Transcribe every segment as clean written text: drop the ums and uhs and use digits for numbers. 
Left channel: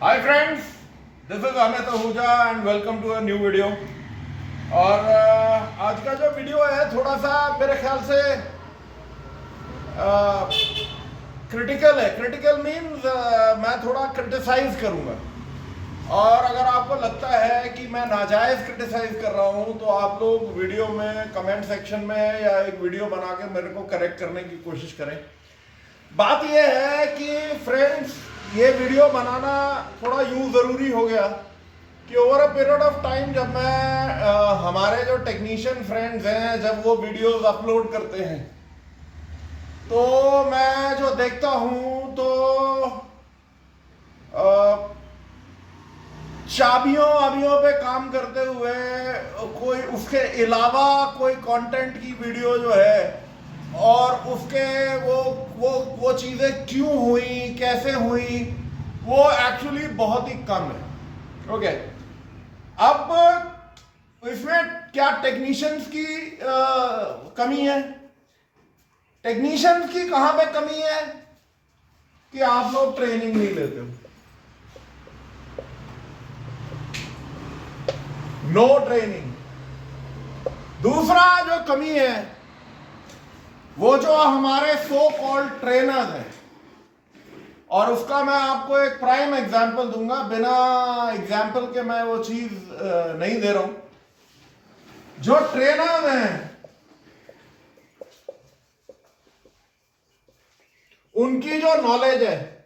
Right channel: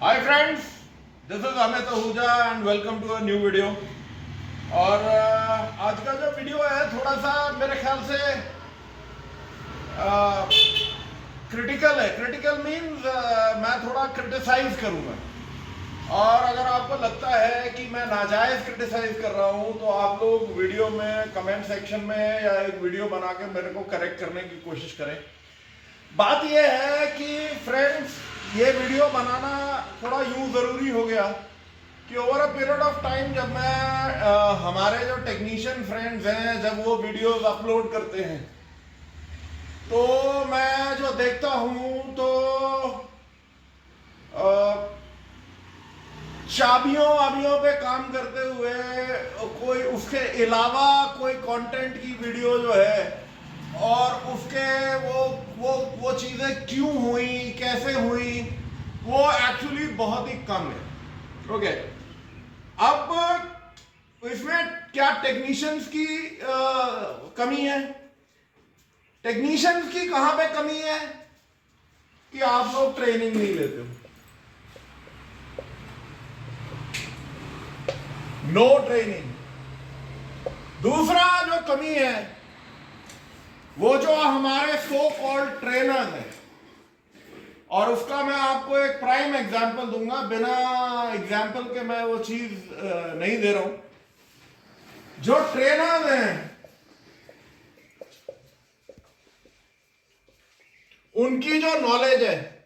Hi friends, this is Amit Ahuja and welcome to a new video. और आज का जो वीडियो है थोड़ा सा मेरे ख्याल से क्रिटिकल है। क्रिटिकल मीन्स मैं थोड़ा क्रिटिसाइज करूंगा, और अगर आपको लगता है कि मैं नाजायज क्रिटिसाइज कर रहा हूं तो आप लोग वीडियो में कमेंट सेक्शन में या एक वीडियो बना के मेरे को करेक्ट करने की कोशिश करें। बात यह है कि फ्रेंड्स, ये वीडियो बनाना थोड़ा यूं ज़रूरी हो गया कि over a period of time जब मैं हमारे जो टेक्नीशियन फ्रेंड्स हैं जब वो वीडियोस अपलोड करते हैं तो मैं जो देखता हूं तो चाबियों पे काम करते हुए कोई उसके अलावा कोई कंटेंट की वीडियो जो है और उसके वो चीज़ें क्यों हुई, कैसे हुई, वो एक्चुअली बहुत ही कम है। ओके, अब इसमें क्या टेक्नीशियंस की कमी है? टेक्नीशियंस की कहां पे कमी है कि आप लोग ट्रेनिंग नहीं लेते हो। No training. दूसरा जो कमी है वो जो हमारे सो कॉल्ड ट्रेनर्स हैं, और उसका मैं आपको एक प्राइम एग्जांपल दूंगा, बिना एग्जांपल के मैं वो चीज नहीं दे रहा हूं। जो ट्रेनर्स हैं उनकी जो नॉलेज है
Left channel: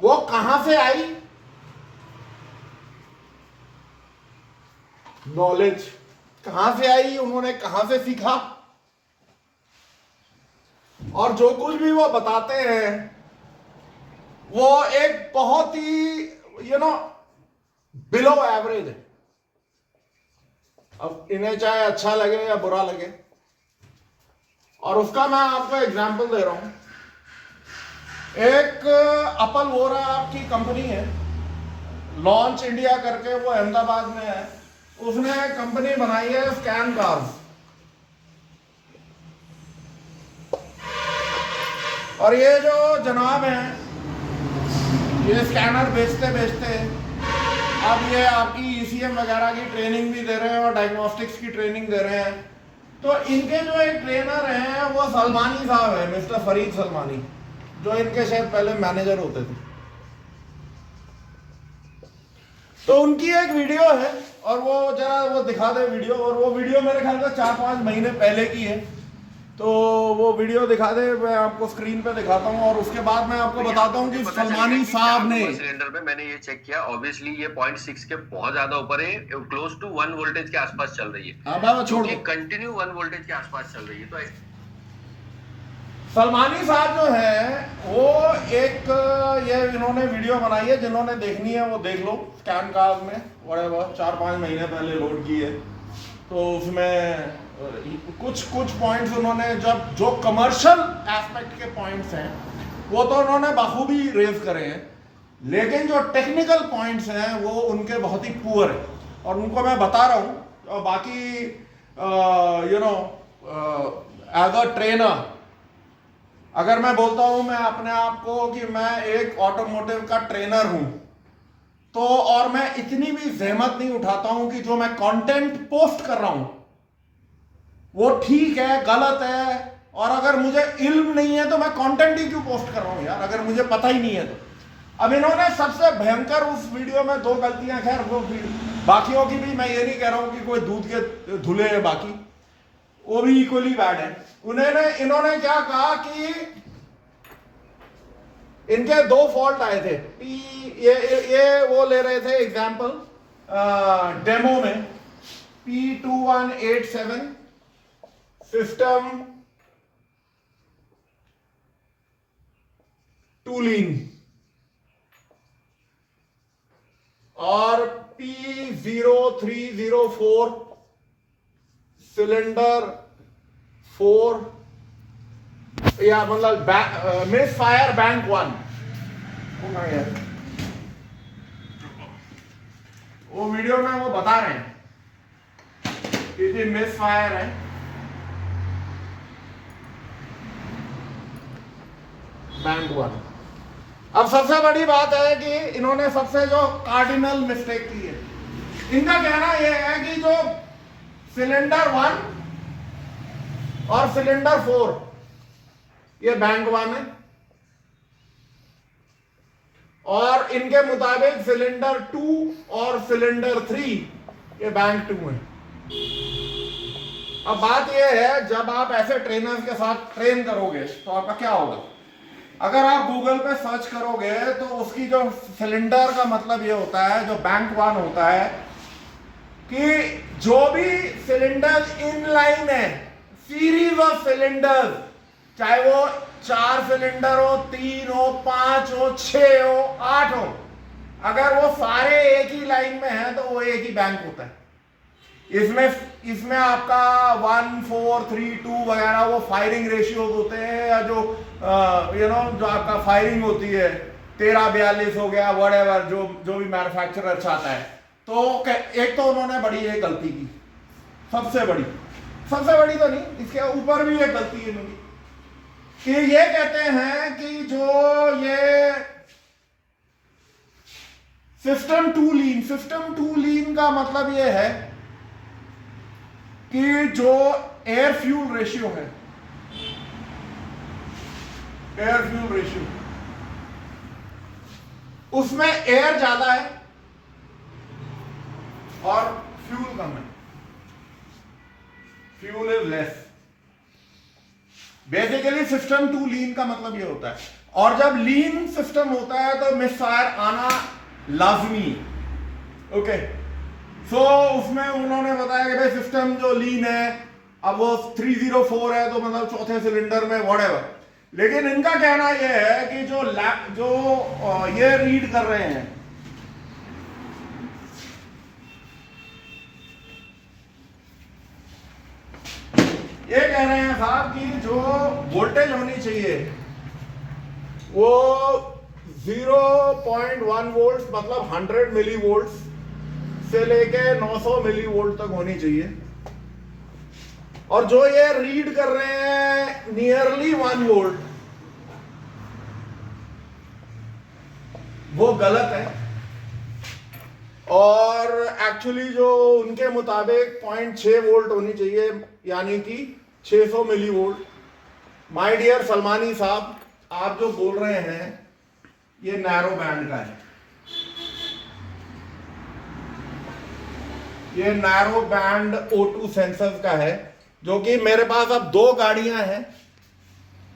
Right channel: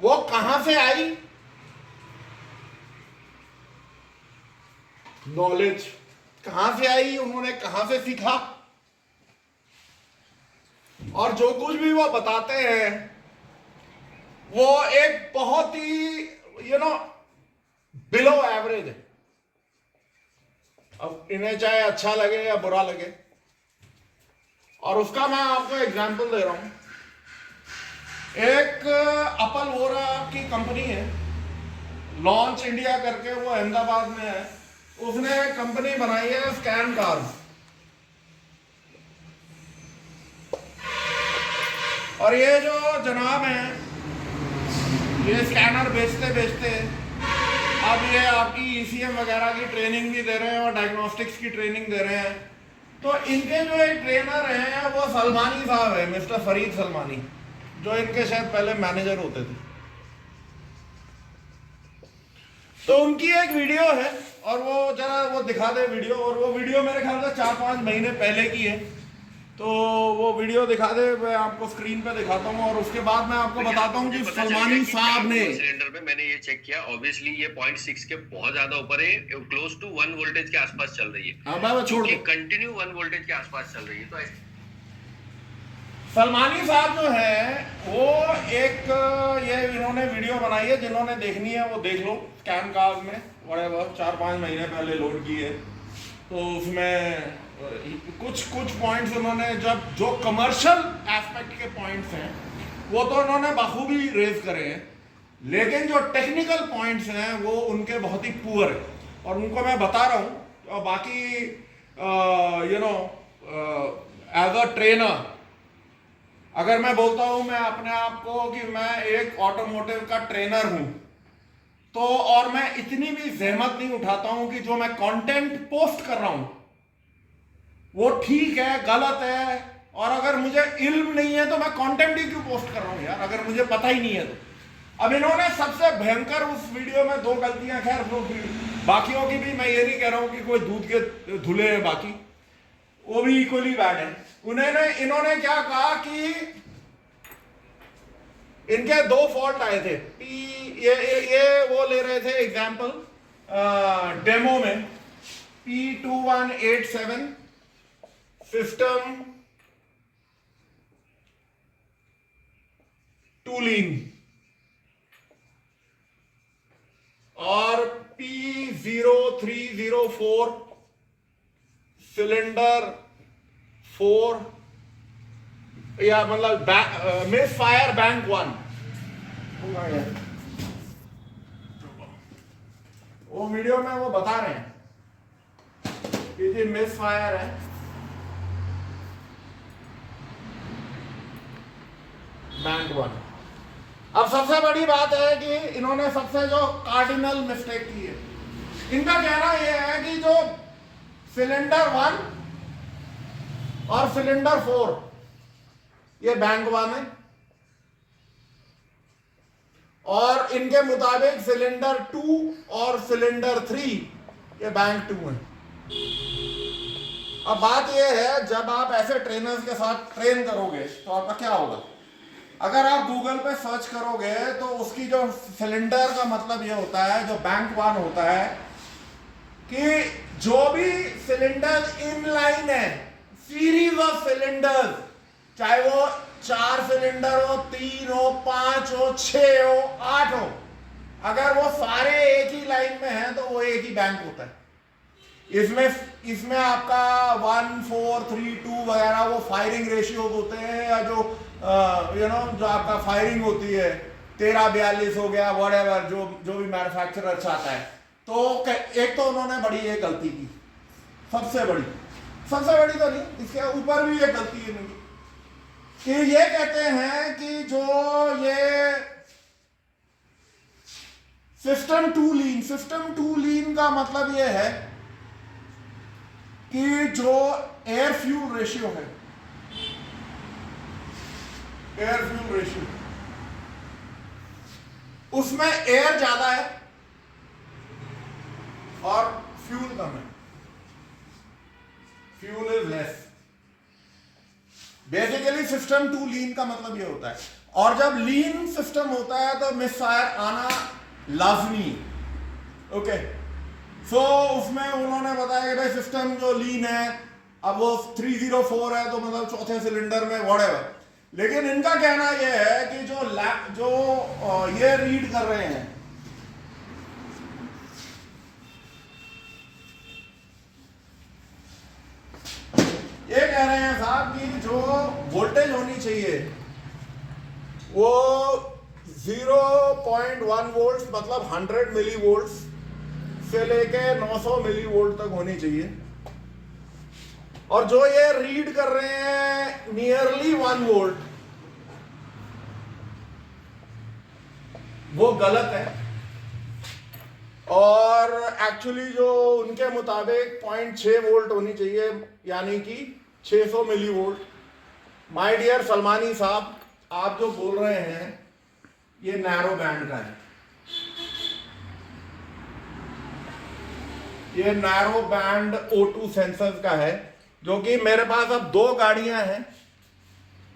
वो कहां से आई? नॉलेज कहां से आई, उन्होंने कहां से सीखा, और जो कुछ भी वो बताते हैं वो एक बहुत ही बिलो एवरेज है। अब इन्हें चाहे अच्छा लगे या बुरा लगे, और उसका मैं आपको एग्जांपल दे रहा हूं। एक अपल वोरा की कंपनी है, लॉन्च इंडिया करके, वो अहमदाबाद में है। उसने कंपनी बनाई है स्कैन कार्स, और ये जो जनाब हैं ये स्कैनर बेचते अब ये आपकी ईसीएम वगैरह की ट्रेनिंग भी दे रहे हैं और डायग्नोस्टिक्स की ट्रेनिंग दे रहे हैं। तो इनके जो एक ट्रेनर हैं वो सलमानी साहब है, मिस्टर फरीद सलमानी, जो इनके शायद पहले मैनेजर होते थे। तो उनकी एक वीडियो है, और वो जरा वो दिखा दे वीडियो, और वो वीडियो मेरे ख्याल से 4-5 महीने पहले की है। तो वो वीडियो दिखा दे, मैं आपको स्क्रीन पे दिखाता हूँ, और उसके बाद मैं आपको बताता हूँ कि सलमानी साहब ने सिलेंडर में मैंने ये चेक किया, ऑब्वियसली ये 0.6 के बहुत ज्यादा ऊपर है, क्लोज टू 1 वोल्टेज के आसपास चल रही है। हाँ भाई, छोड़ दो, कंटिन्यू 1 वोल्टेज के आसपास चल रही है। तो सलमानी साहब जो है वो एक ये इन्होंने वीडियो बनाई है, जिन्होंने देखनी है वो देख लो। स्कैन कार्ड में व्हाटएवर 4-5 महीने पहले लोड की है। तो उसमें कुछ पॉइंट्स उन्होंने, जब जो कमर्शियल एस्पेक्ट के पॉइंट्स हैं वो तो उन्होंने बखूबी रेज करे हैं, लेकिन जो टेक्निकल पॉइंट्स हैं वो उनके बहुत ही पुअर है, और उनको मैं बता रहा हूँ। और बाकी एज अ ट्रेनर अगर मैं बोलता हूं मैं अपने आप को कि मैं एक ऑटोमोटिव का ट्रेनर हूं, तो और मैं इतनी भी जहमत नहीं उठाता हूं कि जो मैं कंटेंट पोस्ट कर रहा हूं वो ठीक है, गलत है, और अगर मुझे इल्म नहीं है तो मैं कंटेंट ही क्यों पोस्ट कर रहा हूं यार, अगर मुझे पता ही नहीं है तो। अब इन्होंने सबसे भयंकर उस वीडियो में 2 गलतियां, खैर वो बाकियों की भी मैं ये नहीं कह रहा हूं कि कोई दूध के धुले हैं, बाकी वो भी इक्वली बैड है। इन्होंने क्या कहा कि इनके 2 फॉल्ट आए थे। ये वो ले रहे थे एग्जांपल डेमो में, P2187 सिस्टम टूलिंग और P0304 सिलेंडर 4, या मतलब मिस फायर बैंक 1। वो वीडियो में वो बता रहे हैं कि मिस फायर है, बैंक वन। अब सबसे बड़ी बात है कि इन्होंने सबसे जो कार्डिनल मिस्टेक की है, इनका कहना यह है कि जो सिलेंडर 1 और सिलेंडर 4 ये बैंक 1 है, और इनके मुताबिक सिलेंडर 2 और सिलेंडर 3 ये बैंक 2 है। अब बात यह है, जब आप ऐसे ट्रेनर्स के साथ ट्रेन करोगे तो आपका क्या होगा? अगर आप गूगल पे सर्च करोगे तो उसकी जो सिलेंडर का मतलब ये होता है, जो बैंक 1 होता है, कि जो भी सिलेंडर इन लाइन है, सीरीज ऑफ सिलेंडर, चाहे वो 4 सिलेंडर हो, 3 हो, 5 हो, 6 हो, 8 हो, अगर वो सारे एक ही लाइन में हैं तो वो एक ही बैंक होता है। इसमें आपका 1, 4, 3, 2 वगैरह वो फायरिंग रेशियोज होते हैं, या जो जो आपका फायरिंग होती है 13-42 हो गया, व्हाटएवर जो भी मैन्युफैक्चरर चाहता है। तो एक तो उन्होंने बड़ी एक गलती की, सबसे बड़ी तो नहीं, इसके ऊपर भी एक गलती है मेरी, कि ये कहते हैं कि जो ये सिस्टम टू लीन का मतलब ये है कि जो एयर फ्यूल रेशियो है, उसमें एयर ज्यादा है और फ्यूल कम है, fuel is less. Basically system too lean का मतलब ये होता है, और जब लीन सिस्टम होता है तो मिस फायर आना लाजमी। ओके, सो उसमें उन्होंने बताया कि भाई सिस्टम जो लीन है, अब वो 304 है तो मतलब चौथे सिलेंडर में व्हाटएवर। लेकिन इनका कहना यह है कि जो ये रीड कर रहे हैं, ये कह रहे हैं साहब कि जो वोल्टेज होनी चाहिए वो 0.1 वोल्ट मतलब 100 मिली वोल्ट से लेके 900 मिली वोल्ट तक होनी चाहिए, और जो ये रीड कर रहे हैं नियरली 1 वोल्ट, वो गलत है। और एक्चुअली जो उनके मुताबिक 0.6 वोल्ट होनी चाहिए, यानी कि 600 millivolt. My dear Salmani साहब, आप जो बोल रहे हैं ये नैरो बैंड का है, ये नैरो बैंड O2 सेंसर्स का है, जो कि मेरे पास अब 2 गाड़ियां हैं,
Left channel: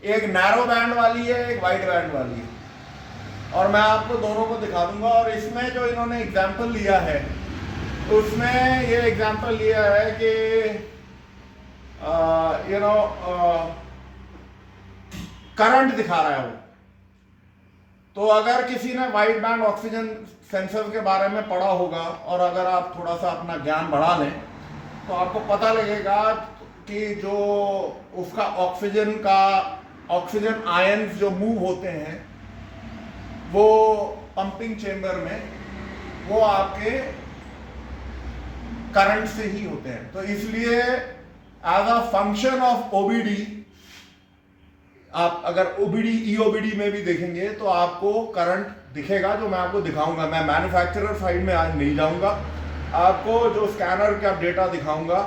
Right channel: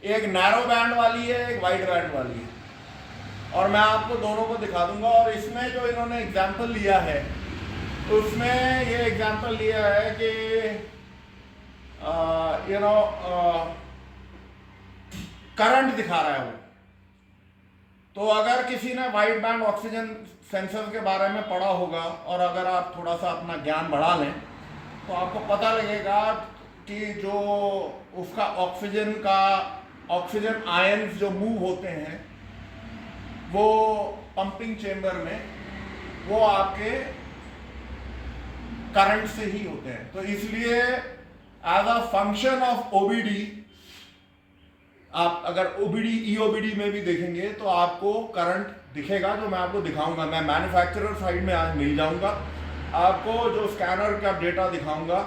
एक नैरो बैंड वाली है, एक वाइड बैंड वाली है, और मैं आपको दोनों को दिखा दूंगा। और इसमें जो इन्होंने एग्जाम्पल लिया है, उसमें ये एग्जाम्पल लिया है कि करंट दिखा रहा है वो। तो अगर किसी ने वाइड बैंड ऑक्सीजन सेंसर के बारे में पढ़ा होगा, और अगर आप थोड़ा सा अपना ज्ञान बढ़ा लें, तो आपको पता लगेगा कि जो उसका ऑक्सीजन आयंस जो मूव होते हैं वो पंपिंग चेंबर में, वो आपके करंट से ही होते हैं। तो इसलिए as a function of OBD, आप अगर ओबीडी ईओबीडी में भी देखेंगे तो आपको करंट दिखेगा, जो मैं आपको दिखाऊंगा। मैं मैन्युफैक्चरर साइड में आज नहीं जाऊंगा, आपको जो स्कैनर का डेटा दिखाऊंगा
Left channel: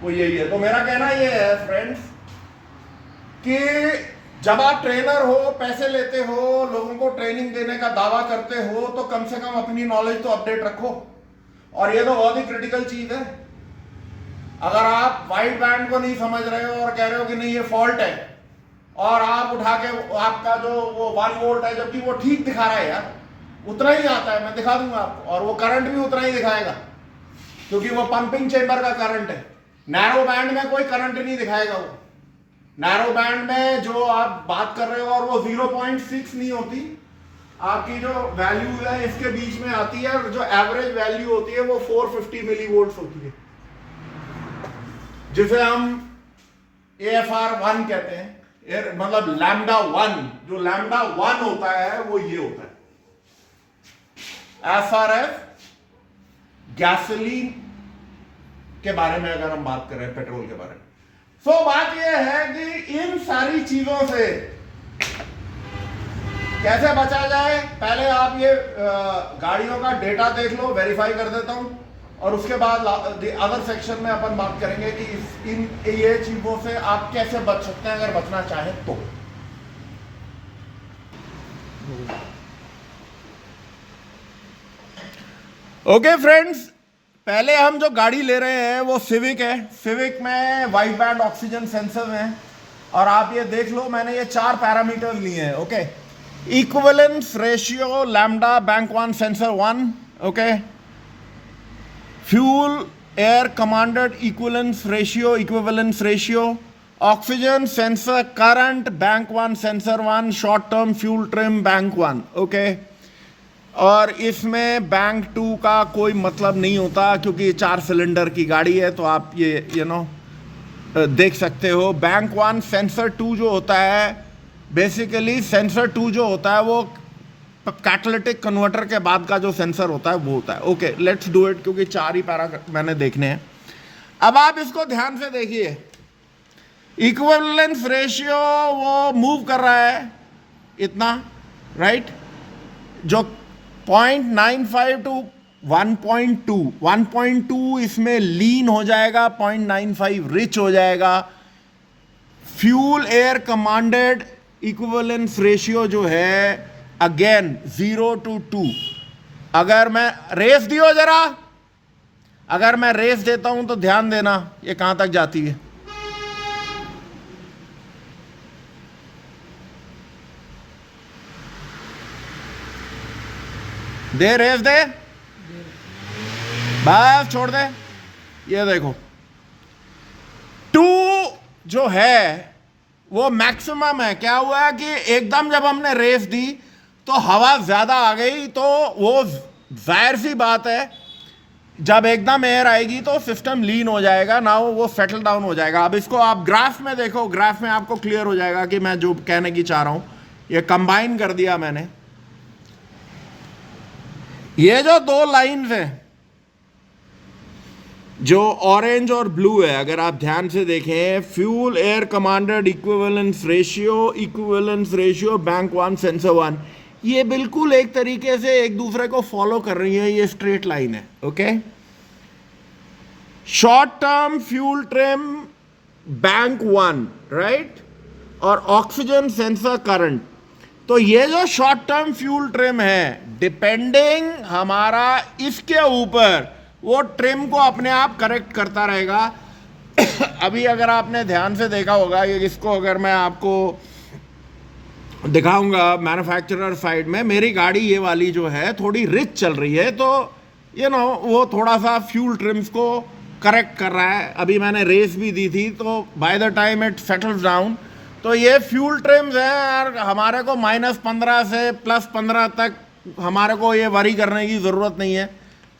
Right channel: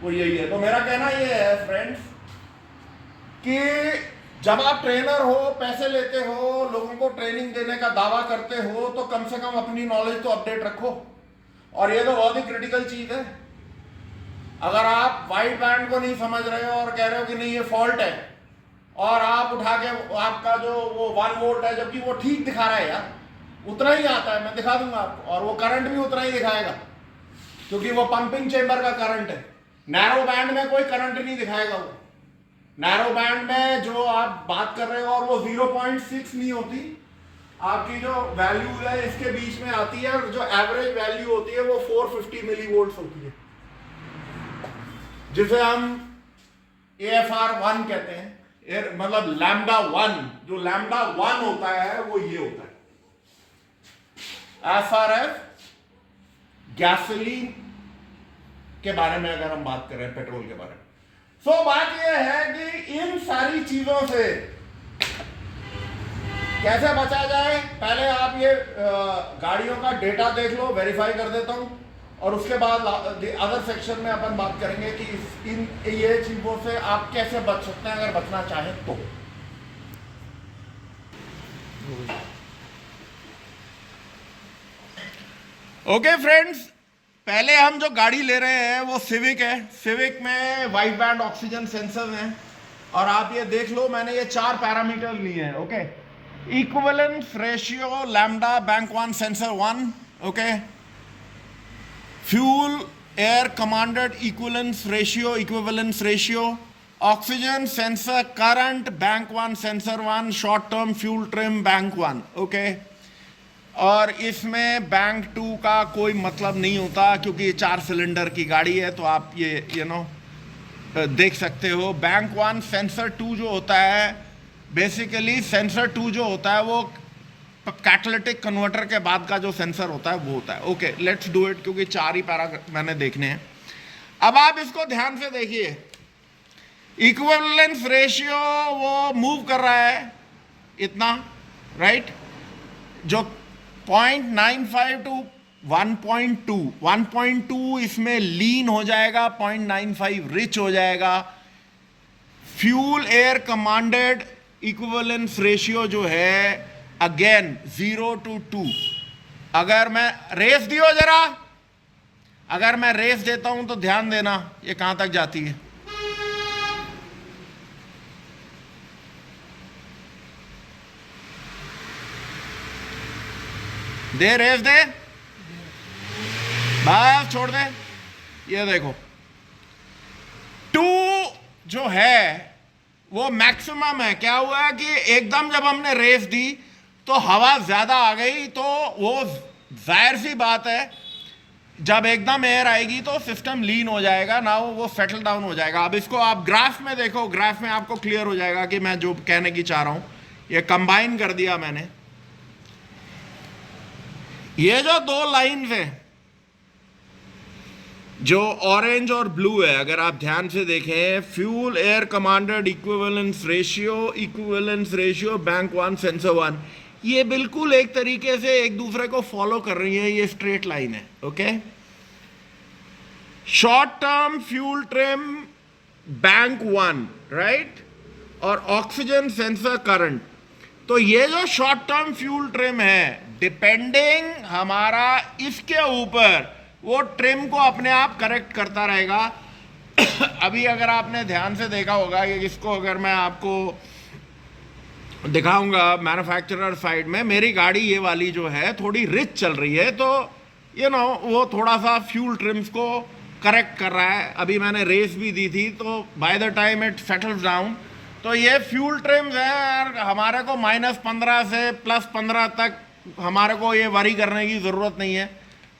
वो यही है। तो मेरा कहना ये है फ्रेंड्स कि जब आप ट्रेनर हो, पैसे लेते हो, लोगों को ट्रेनिंग देने का दावा करते हो, तो कम से कम अपनी नॉलेज तो अपडेट रखो। और ये तो बहुत ही क्रिटिकल चीज है। अगर आप वाइड बैंड को नहीं समझ रहे हो और कह रहे हो कि नहीं ये फॉल्ट है, और आप उठा के आपका जो वो 1 वोल्ट है, जबकि वो ठीक दिखा रहा है यार, उतना ही आता है, मैं दिखा दूंगा आपको, और वो करंट भी उतना ही दिखाएगा क्योंकि वो पंपिंग चेंबर का करंट है। नैरो बैंड में कोई करंट नहीं दिखाएगा। वो नैरो बैंड में जो आप बात कर रहे हो, और वो 0.6 नहीं होती, आपकी जो वैल्यू है इसके बीच में आती है, और जो एवरेज वैल्यू होती है वो 450 मिली वोल्ट होती है, जिसे हम AFR1 कहते हैं, मतलब लैम्डा 1। जो लैम्डा 1 होता है वो ये होता है। एज फार एज गैसोलीन के बारे में अगर हम बात करें, पेट्रोल के बारे में, तो बात यह है कि इन सारी चीजों से कैसे बचा जाए, पहले आप ये गाड़ियों का डेटा देख लो, वेरीफाई कर देता हूं, और उसके बाद अदर सेक्शन में अपन बात करेंगे कि इन ये चीजों से आप कैसे बच सकते हैं अगर बचना चाहें तो। ओके फ्रेंड्स, पहले हम जो गाड़ी ले रहे हैं वो सिविक है। सिविक में वाइड बैंड ऑक्सीजन सेंसर हैं, और आप ये देख लो मैंने ये 4 पैरामीटर्स लिए हैं। Okay, equivalence ratio lambda bank 1 sensor 1, okay, fuel air commanded equivalence ratio, oxygen sensor current bank 1 sensor 1, short term fuel trim bank 1, okay. और इसमें बैंक 2 का कोई मतलब नहीं होता क्योंकि 4 सिलेंडर की गाड़ी है, तो आप ये देख सकते हो। बैंक 1 सेंसर 2 जो होता है, बेसिकली सेंसर 2 जो होता है वो कैटालिटिक कन्वर्टर के बाद का जो सेंसर होता है वो होता है। ओके, लेट्स डू इट, क्योंकि 4 ही पैरा मैंने देखने हैं। अब आप इसको ध्यान से देखिए, इक्विवेलेंस रेशियो वो मूव कर रहा है इतना, राइट, जो 0.95 टू 1.2 इसमें लीन हो जाएगा, 0.95 रिच हो जाएगा। Fuel air commanded equivalence ratio जो है अगेन 0 to 2। अगर मैं रेस दियो जरा, अगर मैं रेस देता हूं तो ध्यान देना ये कहां तक जाती है। दे रेस दे, बस छोड़ दे। ये देखो 2 जो है वो मैक्सिमम है। क्या हुआ कि एकदम जब हमने रेस दी तो हवा ज्यादा आ गई, तो वो जाहिर सी बात है जब एकदम एयर आएगी तो सिस्टम लीन हो जाएगा ना, वो सेटल डाउन हो जाएगा। अब इसको आप ग्राफ में देखो, ग्राफ में आपको क्लियर हो जाएगा कि मैं जो कहने की चाह रहा हूं। ये कंबाइन कर दिया मैंने, ये जो 2 लाइन्स हैं जो ऑरेंज और ब्लू है, अगर आप ध्यान से देखें, fuel air commanded equivalence ratio bank 1 sensor 1, ये बिल्कुल एक तरीके से एक दूसरे को फॉलो कर रही है, ये स्ट्रेट लाइन है। Okay, short term fuel trim bank 1, right, और ऑक्सीजन सेंसर करंट। तो ये जो शॉर्ट टर्म फ्यूल ट्रिम है, डिपेंडिंग हमारा इसके ऊपर, वो ट्रिम को अपने आप करेक्ट करता रहेगा। अभी अगर आपने ध्यान से देखा होगा कि इसको अगर मैं आपको दिखाऊंगा मैन्युफैक्चरर साइड में, मेरी गाड़ी ये वाली जो है थोड़ी रिच चल रही है, तो वो थोड़ा सा फ्यूल ट्रिम्स को करेक्ट कर रहा है। अभी मैंने रेस भी दी थी, तो by the time it settles down, तो ये फ्यूल ट्रिम्स हैं और हमारे को -15 से +15 तक हमारे को ये वरी करने की ज़रूरत नहीं है।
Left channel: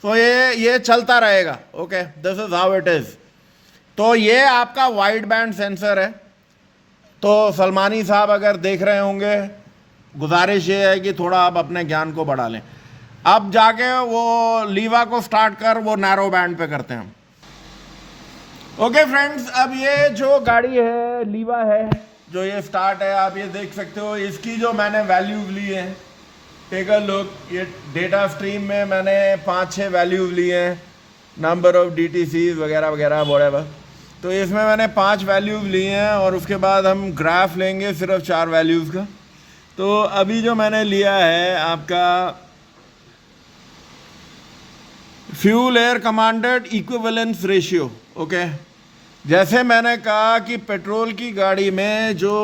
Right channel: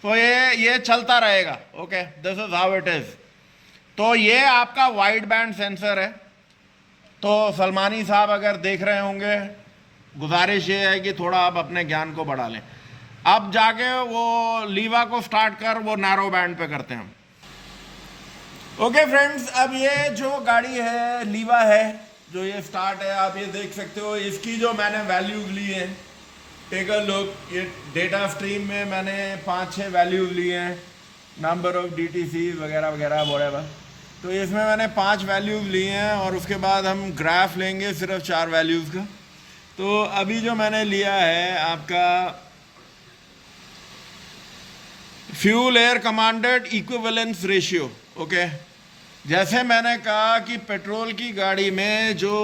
तो ये चलता रहेगा। Okay, this is how it is. तो ये आपका वाइड बैंड सेंसर है। तो सलमानी साहब अगर देख रहे होंगे, गुजारिश ये है कि थोड़ा आप अपने ज्ञान को बढ़ा लें। अब जाके वो लीवा को स्टार्ट कर वो नैरो बैंड पे करते हैं। ओके फ्रेंड्स, अब ये जो गाड़ी है लीवा है, जो ये स्टार्ट है, आप ये देख सकते हो, इसकी जो मैंने वैल्यूज ली है, टेक अ लुक। ये डेटा स्ट्रीम में मैंने 5-6 वैल्यूज लिए हैं, नंबर ऑफ DTCs वगैरह वगैरह व्हाटएवर। तो इसमें मैंने 5 वैल्यूज लिए हैं, और उसके बाद हम ग्राफ लेंगे सिर्फ 4 वैल्यूज का। तो अभी जो मैंने लिया है आपका fuel air commanded equivalence ratio. Okay, जैसे मैंने कहा कि पेट्रोल की गाड़ी में जो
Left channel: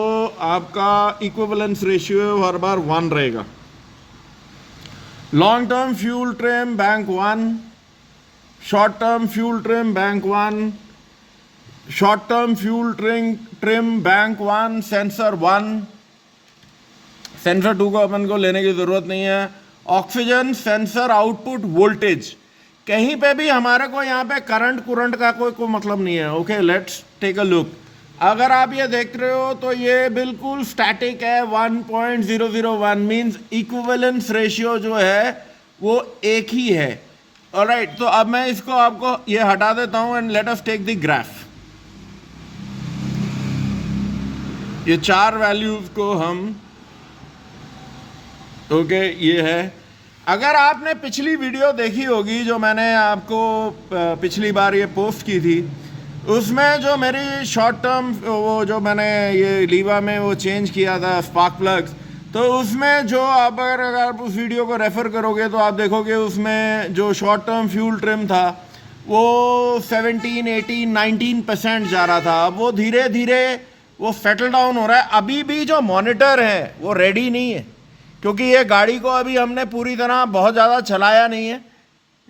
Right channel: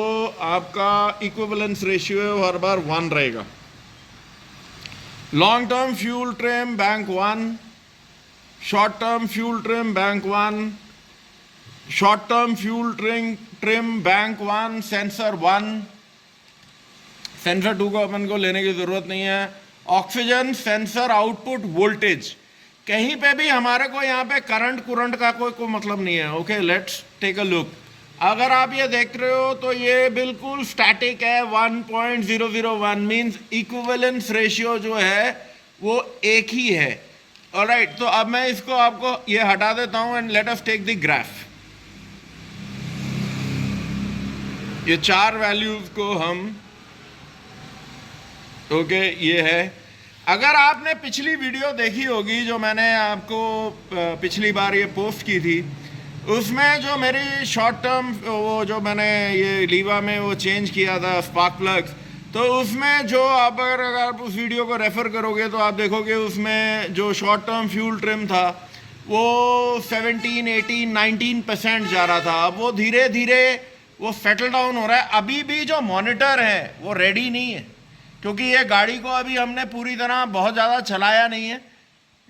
आपका इक्विवेलेंस रेशियो है वो हर बार 1 रहेगा। Long term fuel trim bank 1, short term fuel trim bank 1, short term fuel trim bank 1 sensor 1, sensor 2 को अपन को लेने की ज़रूरत नहीं है। ऑक्सीजन सेंसर आउटपुट वोल्टेज, कहीं पे भी हमारे को यहाँ पे करंट का कोई मतलब नहीं है। Okay, let's take a look. अगर आप ये देख रहे हो तो ये बिल्कुल स्टैटिक है, 1.001 मीन्स इक्विवेलेंस रेशियो जो है वो एक ही है। ऑलराइट, तो अब मैं इसको आपको ये हटा देता हूँ and let us take the graph. ये 4 वैल्यूज को हम ओके, ये है। अगर आपने पिछली वीडियो देखी होगी जो मैंने आपको पिछली बार ये पोस्ट की थी, उसमें जो मेरी शॉर्ट टर्म वो जो मैंने ये लीवा में वो चेंज किया था स्पार्क प्लग्स, तो उसमें जो अगर आप उस वीडियो को रेफ़र करोगे तो आप देखोगे उसमें जो शॉर्ट टर्म फ्यूल ट्रिम था वो 17, 18, 19% जा रहा था। अब वो धीरे धीरे वो सेटल डाउन हो रहा है। अभी भी जो मॉनिटर है वो रेडी नहीं है, क्योंकि ये गाड़ी को अभी हमने पूरी तरह बहुत ज़्यादा चलाया नहीं है।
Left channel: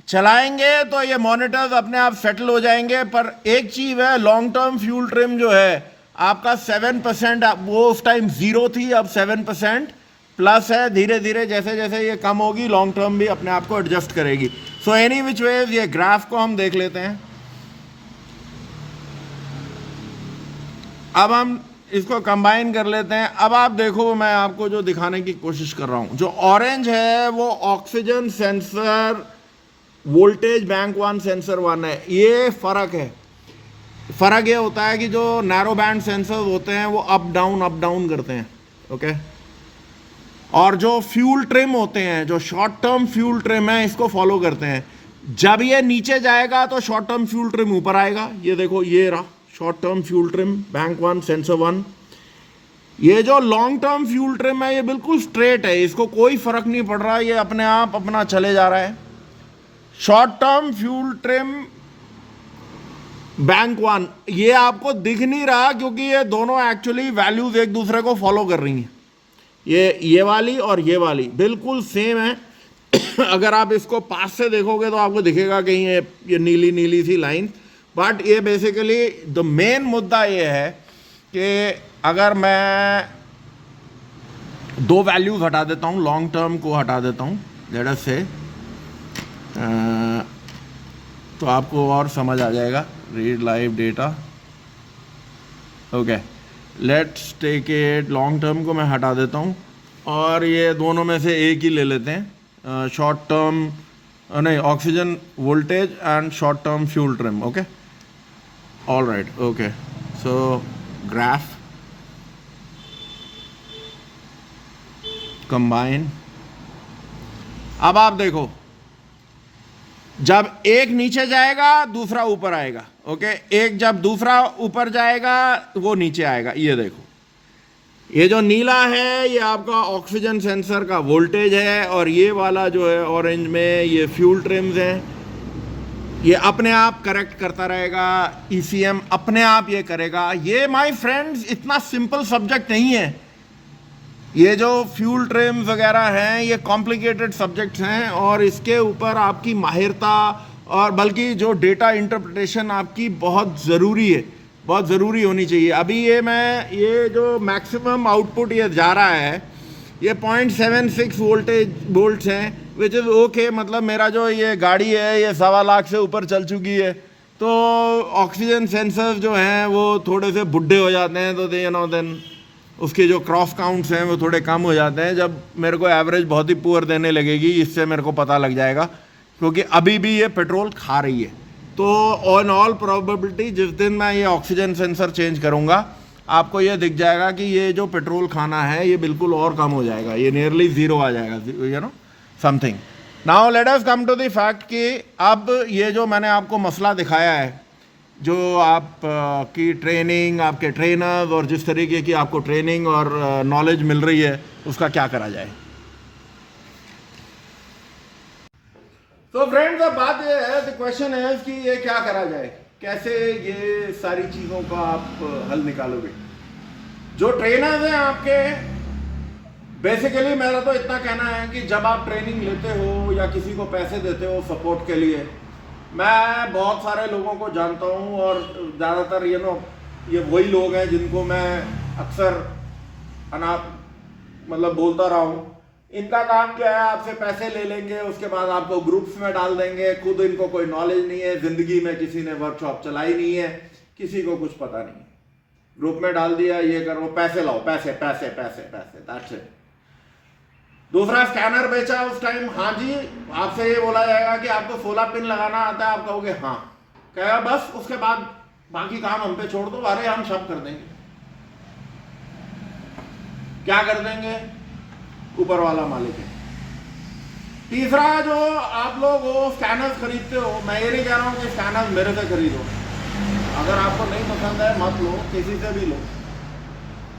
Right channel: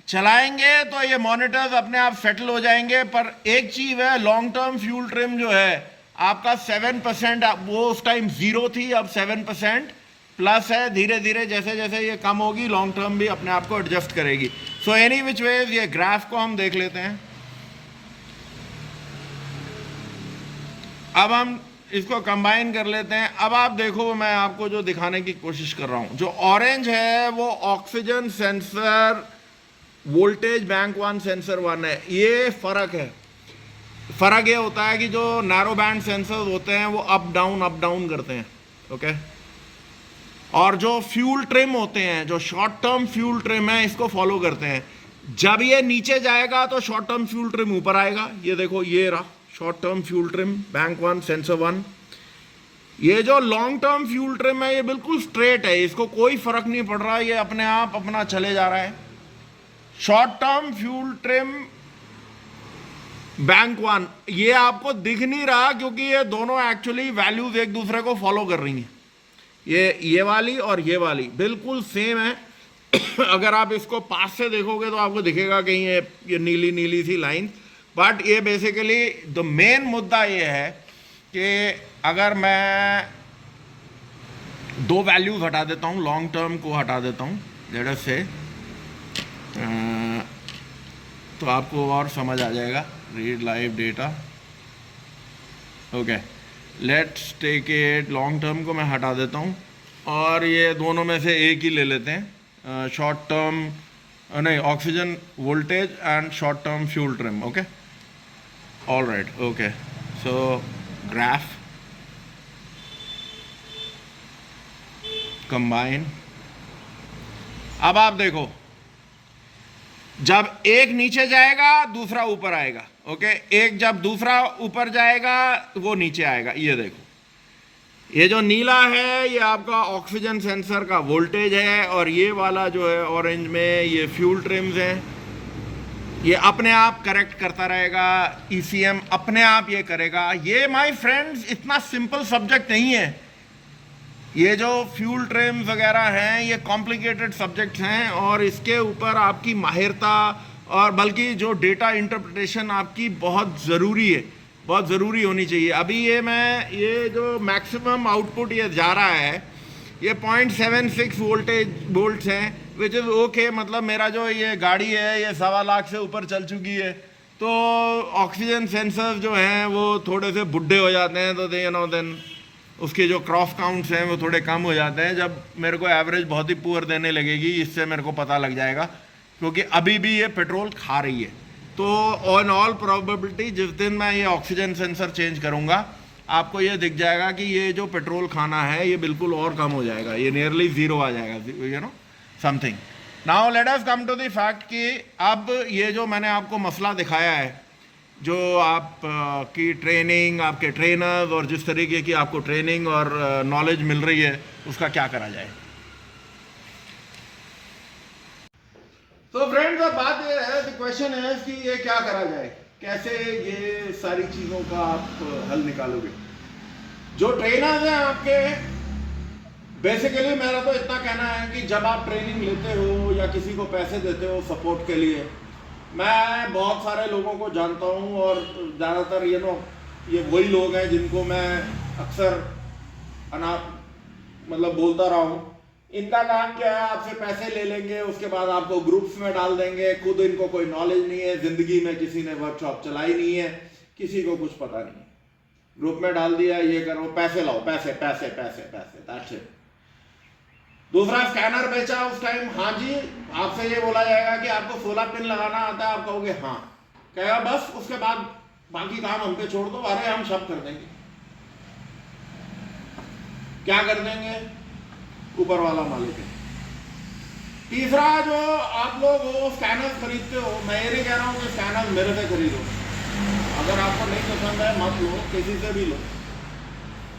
चलाएंगे तो ये मॉनिटर्स अपने आप सेटल हो जाएंगे। पर एक चीज़ है, लॉन्ग टर्म फ्यूल ट्रिम जो है आपका 7%, वो उस टाइम 0 थी, अब 7% प्लस है। धीरे धीरे जैसे जैसे ये कम होगी लॉन्ग टर्म भी अपने आप को एडजस्ट करेगी। सो एनी विच वेज ये ग्राफ को हम देख लेते हैं। अब हम इसको कंबाइन कर लेते हैं। अब आप देखो, मैं आपको जो दिखाने की कोशिश कर रहा हूँ, जो ऑरेंज है वो oxygen sensor voltage bank 1 sensor 1 है। ये फ़र्क है। फ़र्क ये होता है कि जो नैरो बैंड सेंसर्स होते हैं वो अप डाउन करते हैं, ओके। और जो फ्यूल ट्रिम होते हैं, जो शॉर्ट टर्म फ्यूल ट्रिम है, इसको फॉलो करते हैं। जब ये नीचे जाएगा तो शॉर्ट टर्म फ्यूल ट्रिम ऊपर आएगा। ये देखो, ये रहा short term fuel trim bank 1 sensor 1। ये जो लॉन्ग टर्म फ्यूल ट्रिम है ये बिल्कुल स्ट्रेट है, इसको कोई फ़र्क नहीं पड़ रहा, ये अपने आप अपना चले जा रहा है। Short term fuel trim bank 1 ये आपको दिख नहीं रहा, क्योंकि ये दोनों एक्चुअली वैल्यूज एक दूसरे को फॉलो कर रही हैं। ये वाली और ये वाली बिल्कुल सेम है। अगर आप इसको पास से देखोगे तो आपको दिखेगा कहीं ये नीली नीली सी लाइन। बट ये बेसिकली द मेन मुद्दा ये है कि अगर मैं दो वैल्यूज हटा देता हूँ, लॉन्ग टर्म को हटा देता हूँ लेट अस से, तो आपको और समझ आ जाएगा। Read live data, okay. Let's take it, long term को मैं हटा देता हूँ और ये दोनों में से एक ही ले लेते हैं, शॉर्ट टर्म नहीं, oxygen voltage and short term fuel trim, okay. All right, okay. So graph combine. अब आप देखो, जब एक नीचे जाएगा दूसरा ऊपर आएगा, ओके। एक जब दूसरा ऊपर जाएगा वो नीचे आएगा। ये देखो, ये जो नीला है ये आपका ऑक्सीजन सेंसर का वोल्टेज है, और ये वाला जो है ऑरेंज में ये फ्यूल ट्रिम्स हैं। ये अपने आप करेक्ट करता रहेगा, ईसीएम अपने आप ये करेगा। ये माय फ्रेंड्स इतना सिंपल सब्जेक्ट नहीं है। ये जो फ्यूल ट्रिम्स वगैरह हैं ये कॉम्प्लिकेटेड सब्जेक्ट्स हैं, और इसके ऊपर आपकी माहिरता और बल्कि जो डेटा इंटरप्रिटेशन आपकी बहुत ज़रूरी है, बहुत ज़रूरी होनी चाहिए। अभी ये जो मैक्सिमम आउटपुट ये जा रहा है ये 0.76 वोल्ट्स हैं, विच इज़ ओके। मतलब मेरा जो ये गाड़ी है ये 1.25 लाख से ऊपर चल चुकी है, तो ऑक्सीजन सेंसर्स जो हैं वो थोड़े से बुढ़े हो जाते हैं, तो देन उसके जो क्रॉस काउंट्स हैं वो थोड़े कम हो जाते हैं। जब मेरे को एवरेज बहुत ही पुअर देने लगेगी, इससे मेरे को पता लग जाएगा, क्योंकि अभी भी ये पेट्रोल खा रही है। तो ऑन ऑल प्रोबेबिलिटी जिस दिन मैं ये ऑक्सीजन सेंसर चेंज करूँगा आपको ये दिख जाएगा कि ये जो पेट्रोल खाना है ये बिल्कुल और कम हो जाएगा, ये नियरली 0 आ जाएगा, you know something. Now let us come to the fact कि अब ये जो मैंने आपको मसला दिखाया है, जो आप की ट्रेनिंग, आपके ट्रेनर्स और जिस तरीके की आपको ट्रेनिंग और नॉलेज मिल रही है उसका क्या करा जाए। तो फ्रेंड्स अब बात ये है, द क्वेश्चन है कि ये क्या करा जाए, कैसे ये सारी चीज़ों का आप हल निकालोगे। जो ट्रेनर्स हैं आपके, बेसिकली मेरा तो इतना कहना है कि जब आप ट्रेनिंग लेते हो या किसी को पैसे देते हो सपोर्ट के लिए, मैं बहुत सारे लोगों को जानता हूँ और ज़्यादातर ये वही लोग हैं जिनको मैं अक्सर मतलब बोलता रहा हूँ। इनका काम क्या है, आपसे पैसे ले लेंगे, उसके बाद आपको ग्रुप्स में डाल देंगे। खुद इनको कोई नॉलेज नहीं है, ज़िंदगी में किसी ने वर्कशॉप चलाई नहीं है, किसी को कुछ पता नहीं है। ग्रुप में डाल दिया, ये करो, पैसे लाओ, पैसे पैसे पैसे पैसे, दैट्स इट। दूसरा स्कैनर बेचा उस टाइम, हाँ जी, आपसे ये बोला जाएगा कि आपको 16 पिन लगाना आता है, आप कहोगे हाँ, कहेगा बस, उसके बाद बाकी काम हम पे छोड़ दो, अरे हम सब कर देंगे। क्या कर देंगे? ऊपर वाला मालिक है। तीसरा, जो आप लोग वो स्कैनर्स खरीदते हो, मैं ये नहीं कह रहा हूँ कि स्कैनर्स मेरे से खरीदो, अगर आपको नहीं पसंद है मत लो, किसी से भी लो।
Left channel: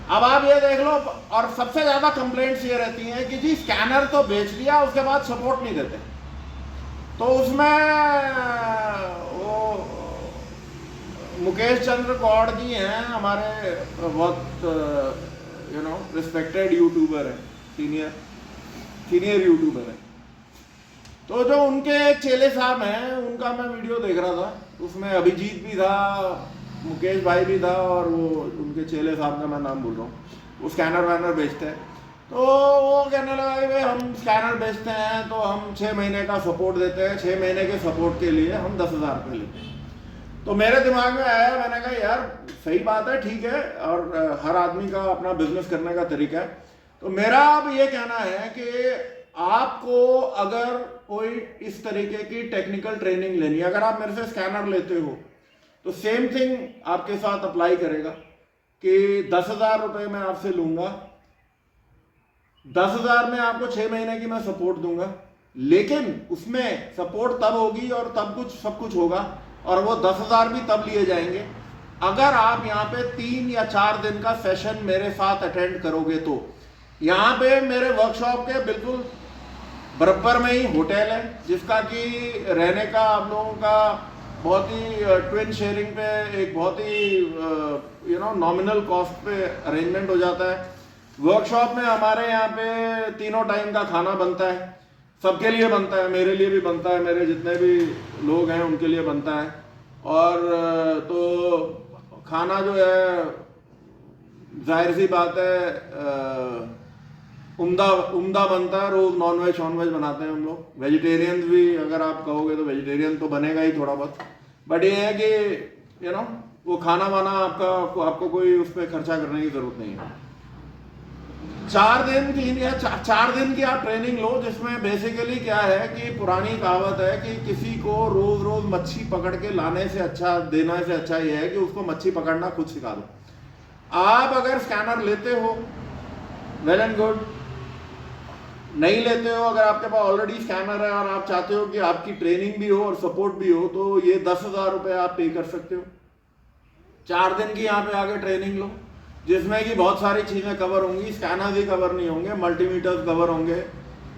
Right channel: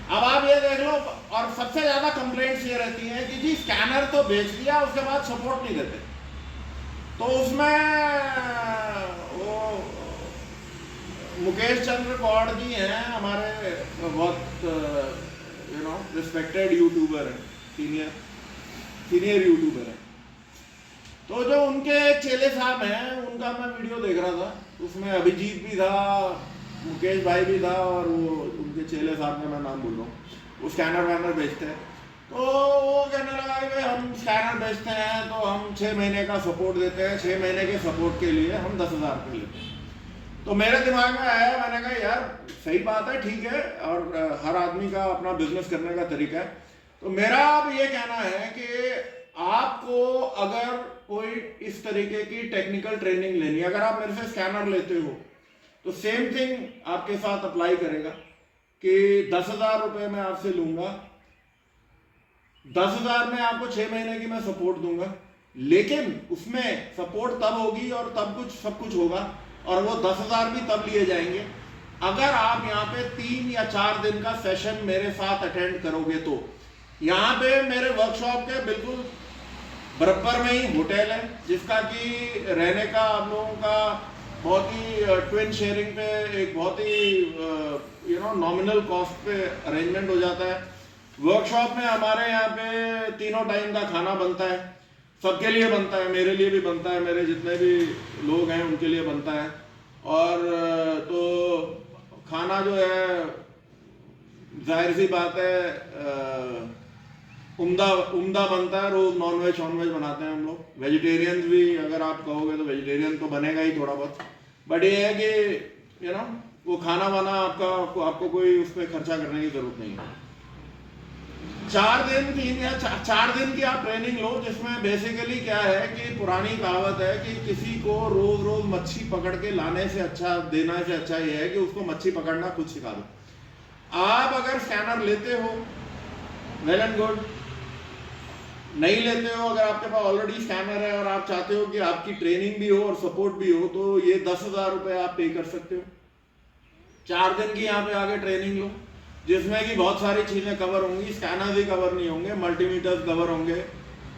अब आप ये देख लो, और सबसे ज्यादा कंप्लेंट्स ये रहती हैं कि जी स्कैनर तो बेच दिया, उसके बाद सपोर्ट नहीं देते। तो उसमें वो मुकेश चंद्र कौड़ जी हैं, हमारे बहुत रिस्पेक्टेड यूट्यूबर है, सीनियर यूट्यूबर है। तो जो उनके चेले साहब हैं, उनका मैं वीडियो देख रहा था, उसमें अभिजीत भी था, मुकेश भाई भी था, और वो उनके चेले साहब का मैं नाम भूल रहा हूँ, वो स्कैनर वैनर बेचते हैं। तो वो कहने लगा कि भाई हम स्कैनर बेचते हैं तो हम 6 महीने का सपोर्ट देते हैं, 6 महीने के सपोर्ट के लिए हम 10,000 रुपये लेते हैं। तो मेरे दिमाग में आया, मैंने कहा यार सही बात है, ठीक है, और हर आदमी का अपना बिजनेस करने का तरीका है। तो मेरा अब ये कहना है कि आपको अगर कोई इस तरीके की टेक्निकल ट्रेनिंग लेनी है, अगर आप मेरे से स्कैनर लेते हो तो सेम थिंग आपके साथ अप्लाई करेगा कि 10,000 रुपये मैं आपसे लूंगा, 10,000 में आपको 6 महीने की मैं सपोर्ट दूंगा, लेकिन उसमें सपोर्ट तब होगी और तब सब कुछ होगा, और वो 10,000 भी तब लिए जाएंगे अगर आप यहाँ पे 3 या 4 दिन का सेशन मेरे साथ अटेंड करोगे। तो यहाँ पे मेरे वर्कशॉप के बिल्कुल बराबर में ही होटल है, जिसका कि रहने का आप लोगों का बहुत ही ट्विन शेयरिंग पे एक बहुत ही नॉमिनल कॉस्ट पे अरेंजमेंट हो जाता है। वर्कशॉप में हमारे यहाँ पे तीनों टाइम का खाना बनता है, सबके लिए बनता है, मेरे लिए भी बनता है, मेरे जितने भी लोग हैं उनके लिए बनता है। और तो खाना जो है जाहिर सी बात है उम्दा बनता है, रोज नॉनवेज बनाते हैं हम लोग। वेजिटेरियन भी अगर आप कहोगे तो वेजिटेरियन तो बनेगा ही थोड़ा बहुत, बट ये है कि वो खाना वाना आपको कोई उस पर खर्चा करने की जरूरत नहीं है। 4 दिन की आप ट्रेनिंग लो, जिसमें बेसिकली क्या है कि पुरानी कहावत है कि किसी को रोज रोज मच्छी पकड़ के लाने से अच्छा, देने से अच्छा ये है कि उसको मच्छी पकड़ना खुद सिखा दो। आप अगर स्कैनर लेते हो वेल एंड गुड, नहीं लेते हो, अगर आपके पास ऑलरेडी स्कैनर है और आप चाहते हो कि आपकी ट्रेनिंग भी हो और सपोर्ट भी हो, तो ये 10,000 रुपये आप पे कर सकते हो। 4 दिन की यहाँ पे आगे ट्रेनिंग लो, जिसमें कि बहुत सारी चीजें कवर होंगी। स्कैनर्स ही कवर नहीं होंगे, मल्टीमीटर्स कवर होंगे,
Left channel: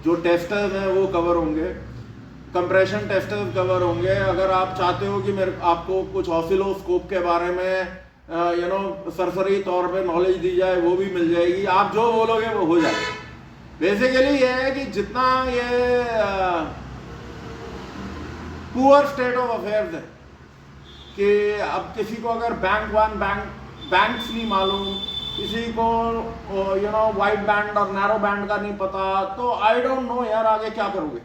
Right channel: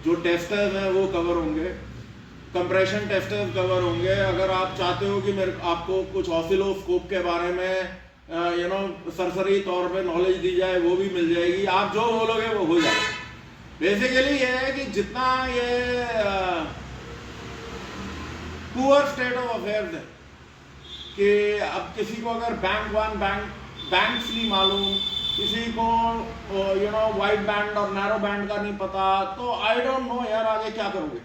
जो टेस्टर्स हैं वो कवर होंगे, कंप्रेशन टेस्टर्स कवर होंगे। अगर आप चाहते हो कि आपको कुछ ऑसिलोस्कोप के बारे में सरसरी तौर पे नॉलेज दी जाए, वो भी मिल जाएगी। आप जो बोलोगे वो हो जाएगा। बेसिकली ये है कि जितना ये पुअर स्टेट ऑफ अफेयर्स है कि अब किसी को अगर बैंक्स नहीं मालूम, किसी को वाइड बैंड और नैरो बैंड का नहीं पता, तो आई डोंट नो यार आगे क्या करोगे।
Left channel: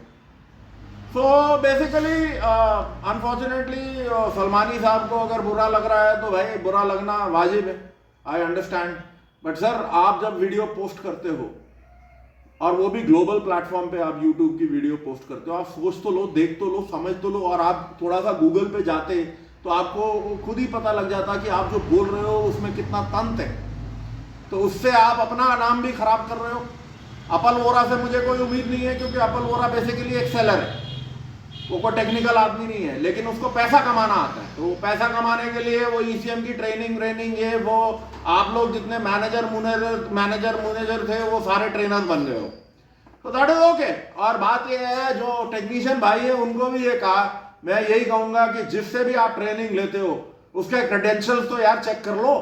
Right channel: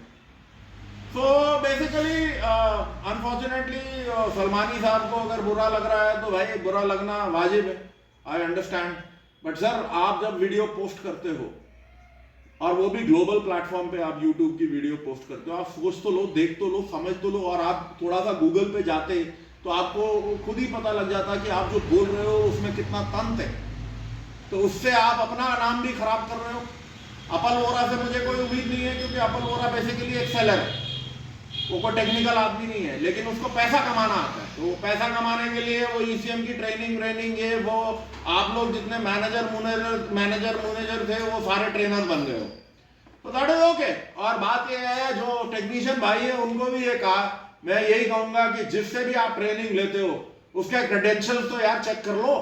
तो बेसिकली अनफॉर्चुनेटली सलमानी साहब को अगर बुरा लग रहा है तो भाई बुरा लगना वाजिब है, आई अंडरस्टैंड। बट सर आप जब वीडियो पोस्ट करते हो, और वो भी ग्लोबल प्लेटफॉर्म पे आप यूट्यूब की वीडियो पोस्ट करते हो, आप सोच तो लो, देख तो लो, समझ तो लो, और आप थोड़ा सा गूगल पे जाते तो आपको खुद ही पता लग जाता कि आप जो बोल रहे हो उसमें कितना तंत है। तो उससे आप अपना नाम भी खराब कर रहे हो। अपल वोरा से मुझे कोई उम्मीद नहीं है, क्योंकि अपल वोरा बेसिकली एक सेलर है, वो कोई टेक्निकल आदमी नहीं है, लेकिन उसको पैसा कमाना आता है। तो पैसा कमाने के लिए वो ECM की ट्रेनिंग ये वो, आप लोग जितने मैनेजर थे वो सारे ट्रेनर बन गए हो, तो दैट इज ओके। और बात ये है, जो टेक्नीशियन भाई है उनको भी ये कहा, मैं यही कहूंगा कि जिससे भी आप ट्रेनिंग लेते हो उसके क्रेडेंशियल्स तो यार चेक कर लो।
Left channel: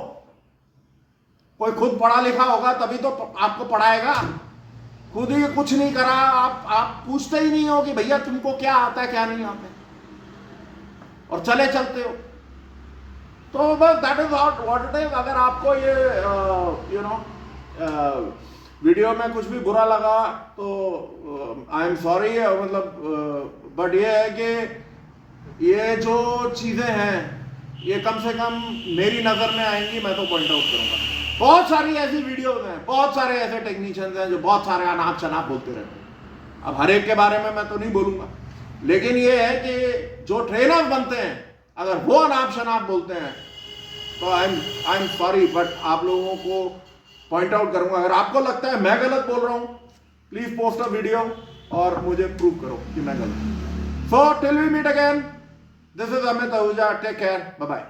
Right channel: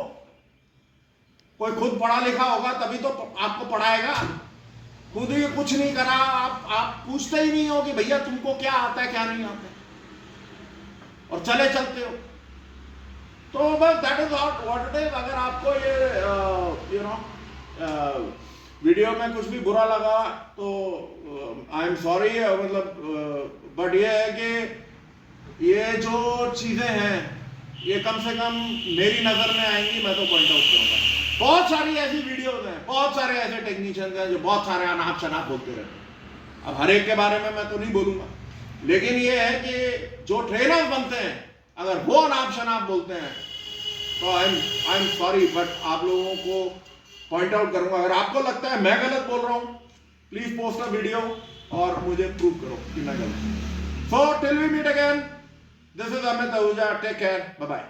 कोई खुद पढ़ा लिखा होगा तभी तो आपको पढ़ाएगा, खुद ही कुछ नहीं करा, आप पूछते ही नहीं हो कि भैया तुमको क्या आता है क्या नहीं आता है, और चले चलते हो। तो बस that is what it is. अगर आपको ये वीडियो में कुछ भी बुरा लगा तो आई एम सॉरी, मतलब बट ये है कि ये जो चीजें हैं ये कम से कम मेरी नजर में आएंगी, मैं तो पॉइंट आउट करूंगा। बहुत सारी ऐसी वीडियोस हैं, बहुत सारे ऐसे टेक्नीशियंस हैं जो बहुत सारे अनाप शनाप बोलते रहते हैं। अब हर एक के बारे में मैं तो नहीं बोलूंगा, लेकिन ये है कि जो ट्रेनर्स बनते हैं अगर वो अनाप शनाप बोलते हैं तो आई एम सॉरी, बट आप लोगों को पॉइंट आउट करूंगा। अगर आपको लगता है मैं गलत बोल रहा हूं प्लीज पोस्ट अ वीडियो और मुझे प्रूव करो कि मैं गलत हूं। So till we meet again, this is Amit Ahuja, take care, bye bye.